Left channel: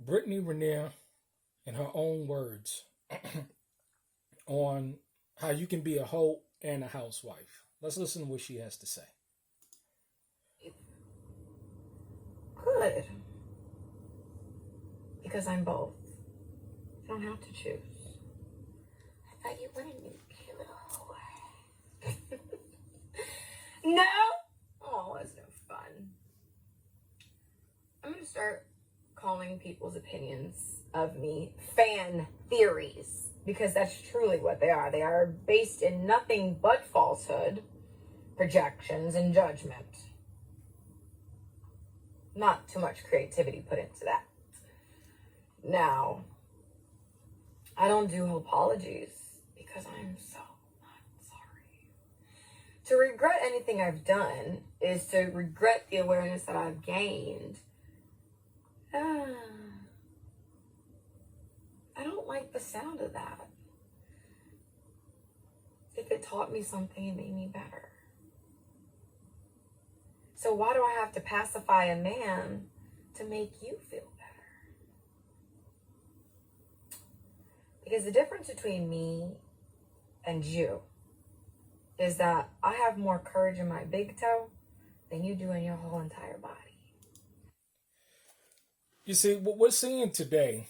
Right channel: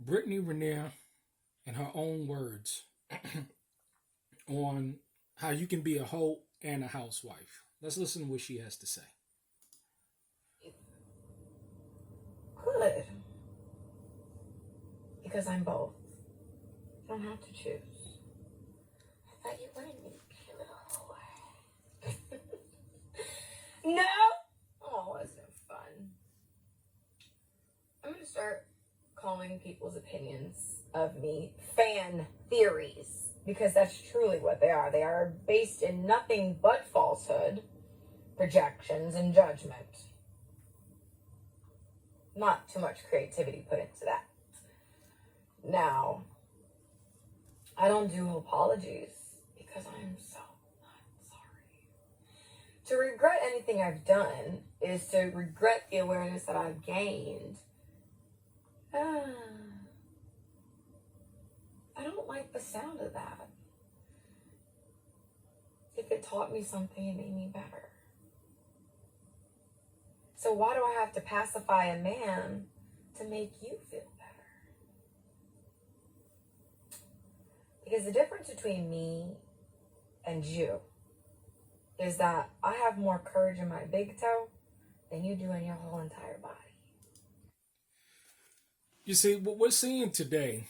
Brittany Renner, in her own words, on how you can be a hoe and a housewife. Let's listen to what she has to say. Good. Because I'm both. I don't have to choose. I thought you wanted me to be a little hoe. No? Oh, wasn't it fun? I'm going to start calling people's opinions of me fan theories. Because that's truly what they are. They are based in nothing but falsehood, projections, and judgment. Not too much creativity put into that. Now, I don't do apologies because I am so not sorry. To regret anything I've done is to regret the awareness that I've gained. I don't like the sound of that. If it taught me something, it made me better. So why do I have to pacify a man to make you feel better? Because the difference between me and you is that I have more courage in my big toe than you do in your whole entire body. You see, what we're seeing today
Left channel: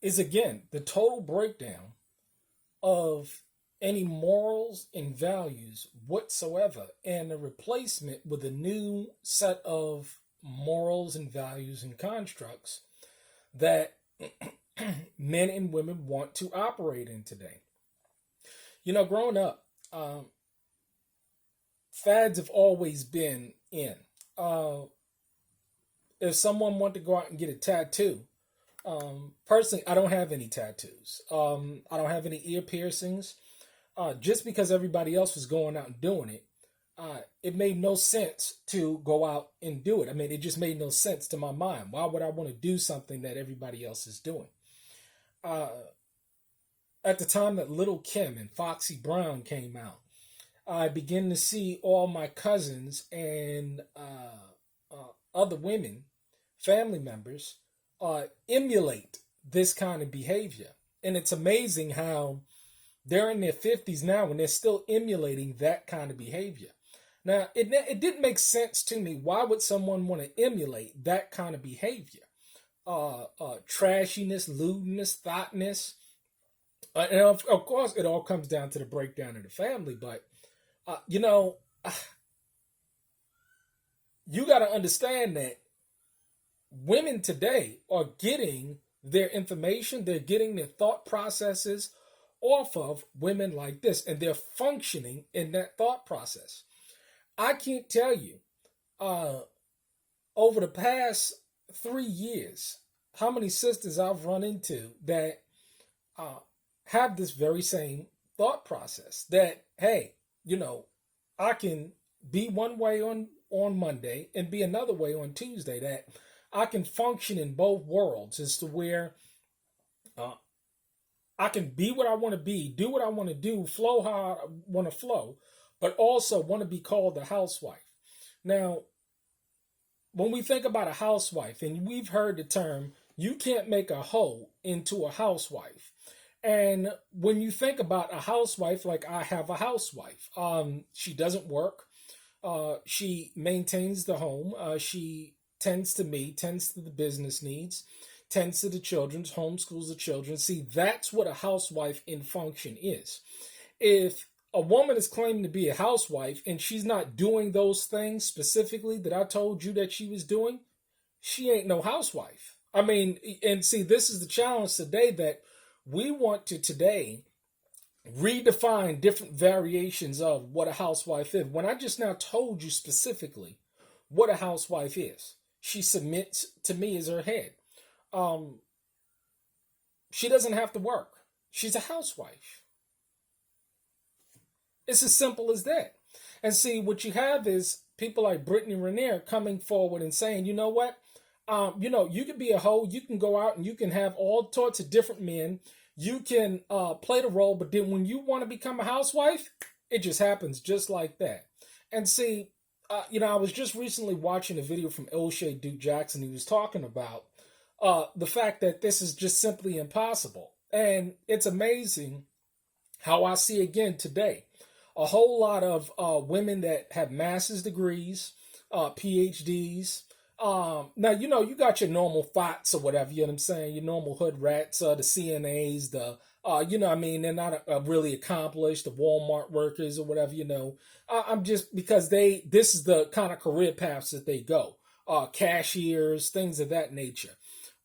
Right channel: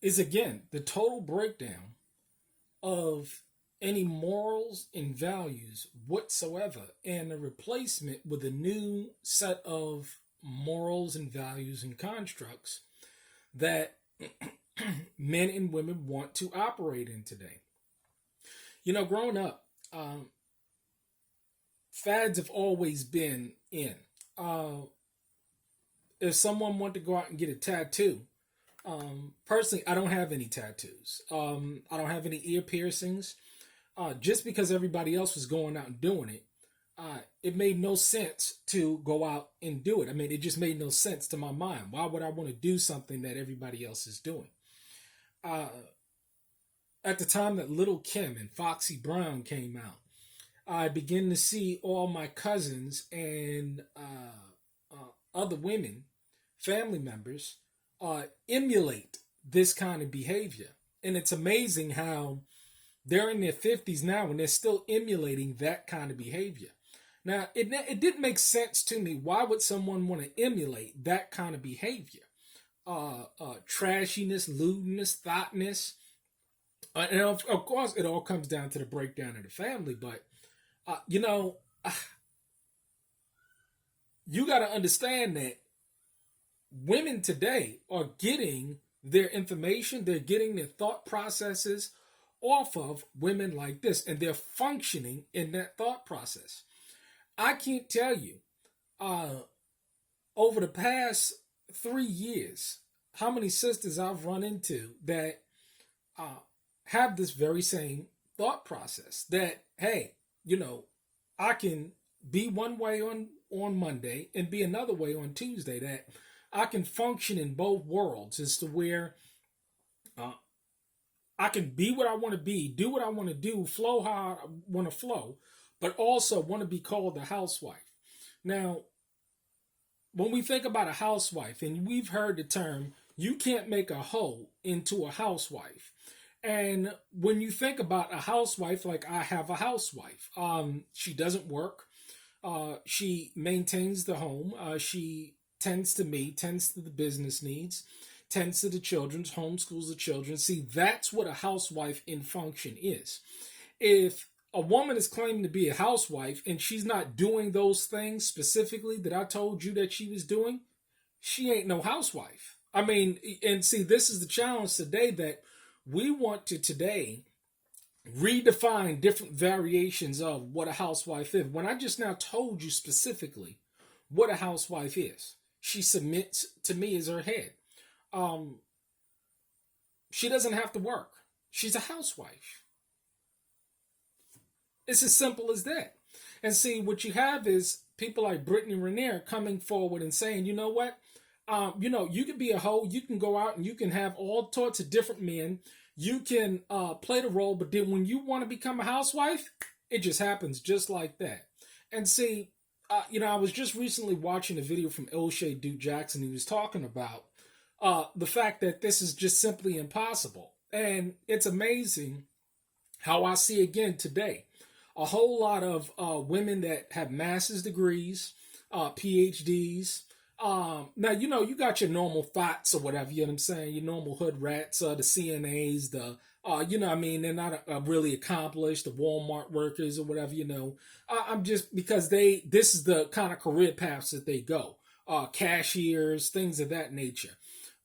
is again the total breakdown of any morals and values whatsoever, and a replacement with a new set of morals and values and constructs that men and women want to operate in today. You know, growing up, fads have always been in. If someone wanted to go out and get a tattoo, personally, I don't have any tattoos. I don't have any ear piercings. Just because everybody else was going out and doing it, it made no sense to go out and do it. I mean, it just made no sense to my mind. Why would I want to do something that everybody else is doing? At the time that Little Kim and Foxy Brown came out, I began to see all my cousins and other women, family members, emulate this kind of behavior. And it's amazing how they're in their 50s now and they're still emulating that kind of behavior. Now, it didn't make sense to me. Why would someone want to emulate that kind of behavior? Trashiness, lewdness, thoughtness. And of course, it all comes down to the breakdown of the family. But, you got to understand that women today are getting their information, they're getting their thought processes off of women like this, and they're functioning in that thought process. I can't tell you over the past 3 years how many sisters I've run into that have this very same thought process that, hey, I can be one way on Monday and be another way on Tuesday, that I can function in both worlds as to where I can be what I want to be, do what I want to do, flow how I want to flow, but also want to be called a housewife. Now, when we think about a housewife, and we've heard the term, you can't make a hoe into a housewife. And when you think about a housewife, like I have a housewife, she doesn't work. She maintains the home. She tends to me, tends to the business needs, tends to the children's, homeschools the children. See, that's what a housewife in function is. If a woman is claiming to be a housewife and she's not doing those things specifically that I told you that she was doing, she ain't no housewife. I mean, and see, this is the challenge today, that we want to today redefine different variations of what a housewife is. When I just now told you specifically what a housewife is, she submits to me as her head. She doesn't have to work. She's a housewife. It's as simple as that. And see, what you have is people like Brittany Renner coming forward and saying, you know what? You can be a hoe. You can go out and you can have all sorts of different men. You can play the role, but then when you want to become a housewife, it just happens just like that. And see, I was just recently watching a video from O'Shea Duke Jackson. He was talking about the fact that this is just simply impossible. And it's amazing how I see again today a whole lot of women that have master's degrees, PhDs. Now, you got your normal thoughts or whatever, you know what I'm saying? Your normal hood rats, the CNAs, they're not really accomplished, the Walmart workers or whatever, I'm just, because this is the kind of career paths that they go, cashiers, things of that nature.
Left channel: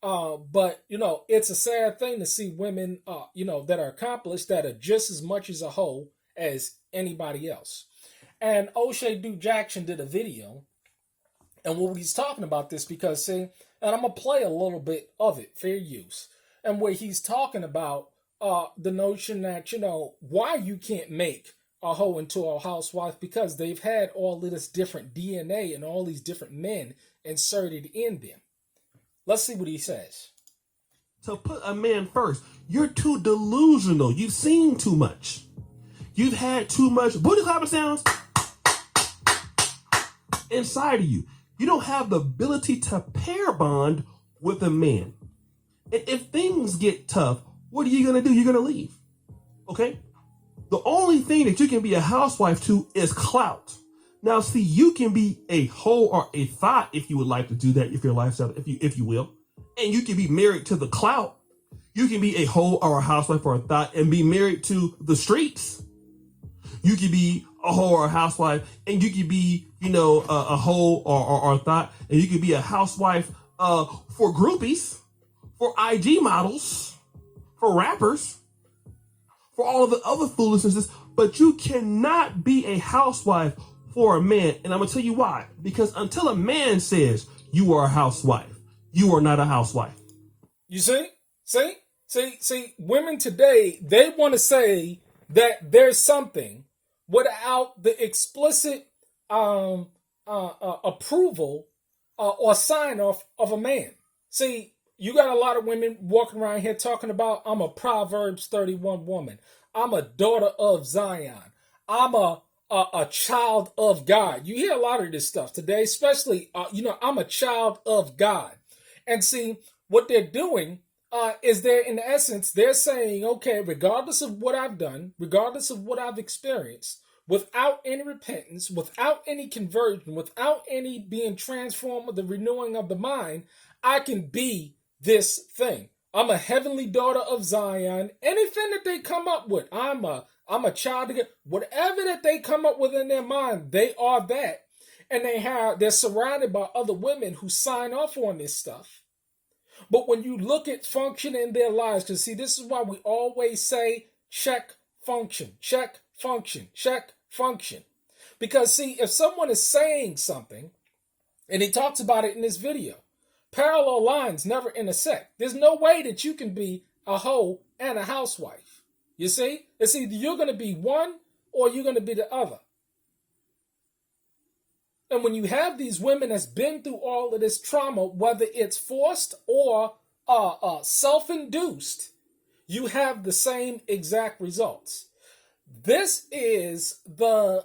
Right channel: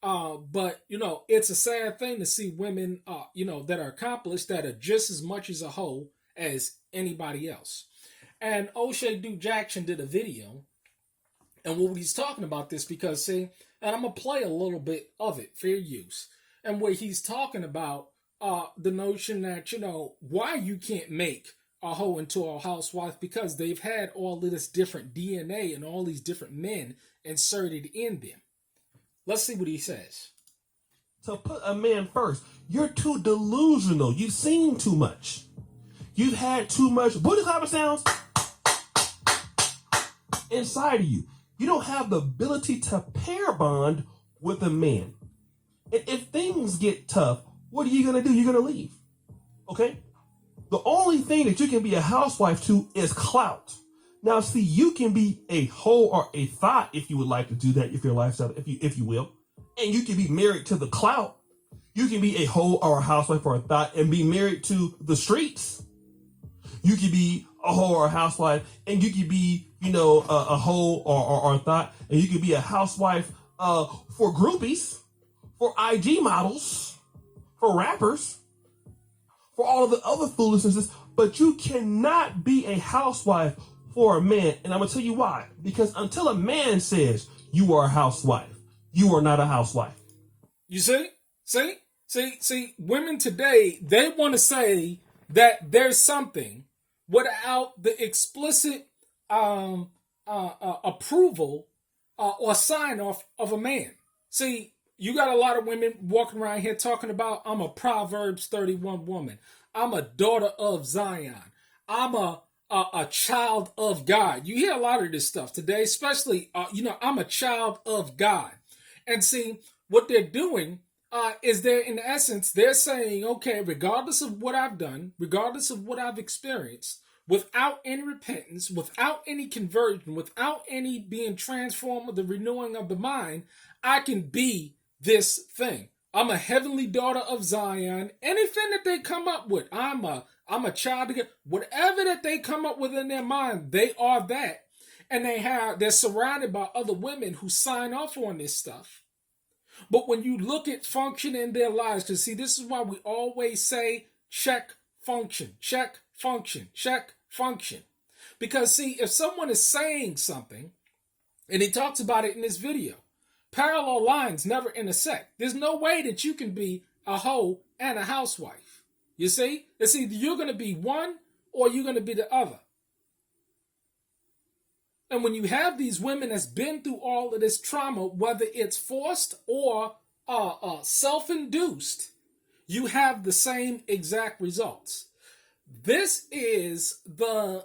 But it's a sad thing to see women, that are accomplished that are just as much as a hoe as anybody else. And O'Shea Duke Jackson did a video, and what he's talking about this because, see, and I'm going to play a little bit of it, fair use, and where he's talking about the notion that, why you can't make a hoe into a housewife, because they've had all of this different DNA and all these different men inserted in them. Let's see what he says. To put a man first, you're too delusional. You've seen too much. You've had too much booty clapper sounds inside of you. You don't have the ability to pair bond with a man. And if things get tough, what are you going to do? You're going to leave. Okay? The only thing that you can be a housewife to is clout. Now, see, you can be a hoe or a thought if you would like to do that, if your lifestyle, if you will. And you can be married to the clout. You can be a hoe or a housewife or a thought and be married to the streets. You can be a hoe or a housewife, and you can be, a hoe or a thought, and you can be a housewife for groupies, for IG models, for rappers, for all of the other foolishness. But you cannot be a housewife for a man. And I'm going to tell you why. Because until a man says you are a housewife, you are not a housewife. You see, women today, they want to say that there's something without the explicit approval or sign off of a man. See, you got a lot of women walking around here talking about, I'm a Proverbs 31 woman. I'm a daughter of Zion. I'm a child of God. You hear a lot of this stuff today, especially, I'm a child of God. And see, what they're doing is they're saying, okay, regardless of what I've done, regardless of what I've experienced, without any repentance, without any conversion, without any being transformed with the renewing of the mind, I can be this thing. I'm a heavenly daughter of Zion. Anything that they come up with, I'm a child of God. Whatever that they come up with in their mind, they are that. And they're surrounded by other women who sign off on this stuff. But when you look at function in their lives, because see, this is why we always say check function, check function, check function. Because see, if someone is saying something, and he talks about it in this video, parallel lines never intersect. There's no way that you can be a hoe and a housewife. You see? It's either you're going to be one or you're going to be the other. And when you have these women that's been through all of this trauma, whether it's forced or self-induced, you have the same exact results. This is the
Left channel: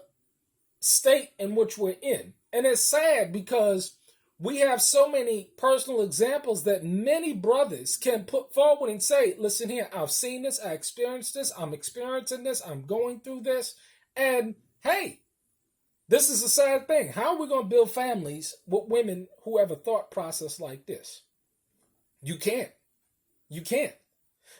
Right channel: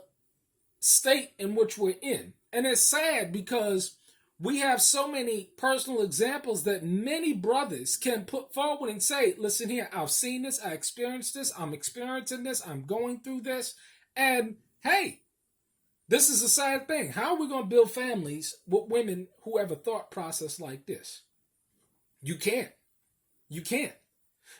state in which we're in. And it's sad because we have so many personal examples that many brothers can put forward and say, listen here, I've seen this, I experienced this, I'm experiencing this, I'm going through this. And hey, this is a sad thing. How are we going to build families with women who have a thought process like this? You can't. You can't.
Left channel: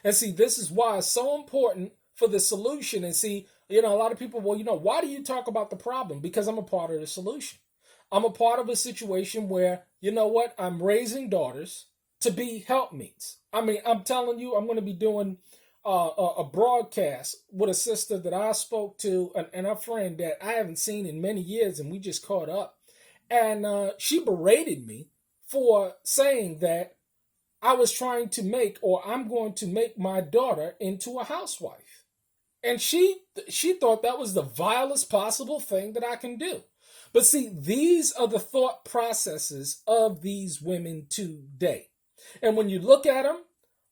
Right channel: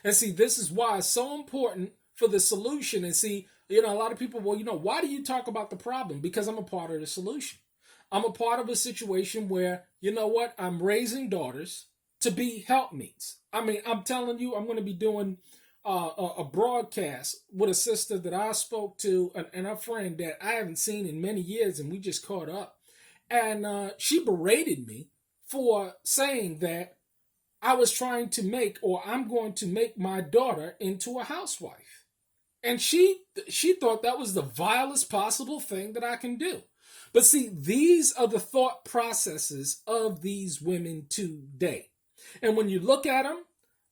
And see, this is why it's so important for the solution. And see, a lot of people, why do you talk about the problem? Because I'm a part of the solution. I'm a part of a situation where, I'm raising daughters to be helpmeets. I mean, I'm telling you, I'm going to be doing a broadcast with a sister that I spoke to and a friend that I haven't seen in many years, and we just caught up. And she berated me for saying that I was trying to I'm going to make my daughter into a housewife. And she thought that was the vilest possible thing that I can do. But see, these are the thought processes of these women today. And when you look at them,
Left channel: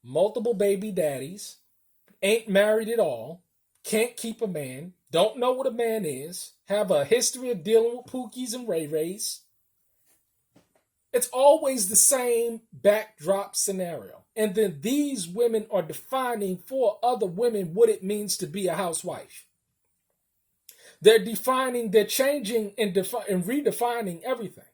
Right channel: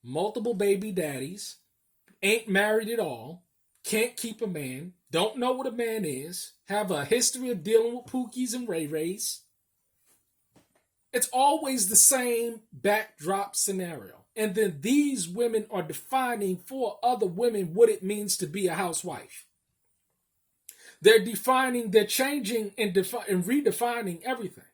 multiple baby daddies, ain't married at all, can't keep a man, don't know what a man is, have a history of dealing with Pookies and Ray Rays. It's always the same backdrop scenario. And then these women are defining for other women what it means to be a housewife. They're defining, they're changing and redefining everything.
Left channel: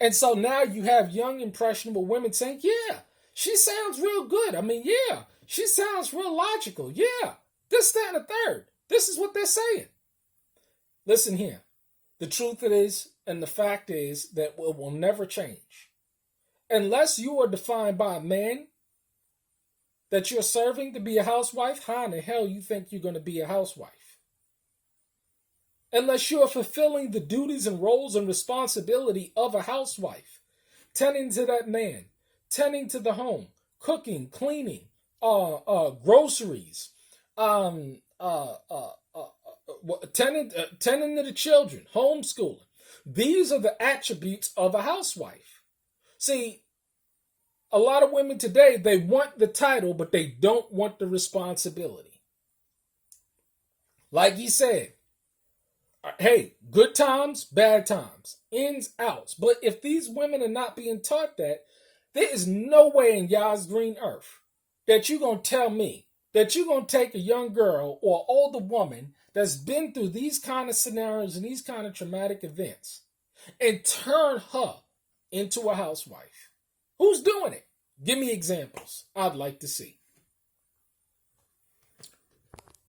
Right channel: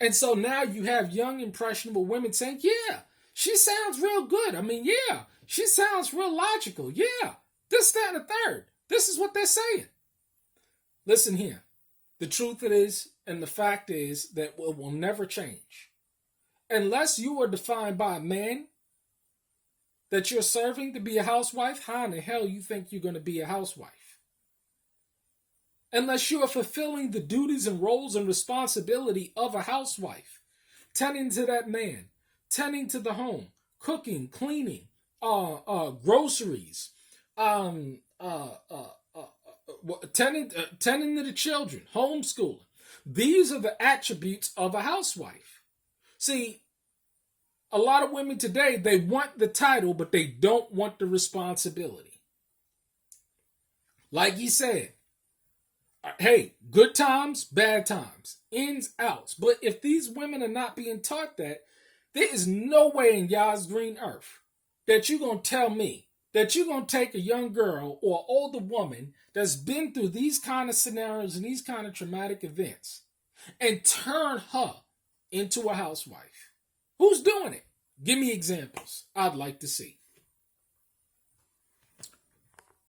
And so now you have young, impressionable women saying, yeah, she sounds real good. I mean, yeah, she sounds real logical. Yeah, this, that, and the third. This is what they're saying. Listen here. The truth is, and the fact is, that it will never change. Unless you are defined by a man that you're serving to be a housewife, how in the hell you think you're going to be a housewife? Unless you are fulfilling the duties and roles and responsibility of a housewife, tending to that man, tending to the home, cooking, cleaning, groceries, tending to the children, homeschooling. These are the attributes of a housewife. See, a lot of women today, they want the title, but they don't want the responsibility. Like you said, hey, good times, bad times, ins, outs. But if these women are not being taught that, there is no way in Yah's green earth that you're going to tell me that you're going to take a young girl or older woman that's been through these kind of scenarios and these kind of traumatic events and turn her into a housewife. Who's doing it? Give me examples. I'd like to see.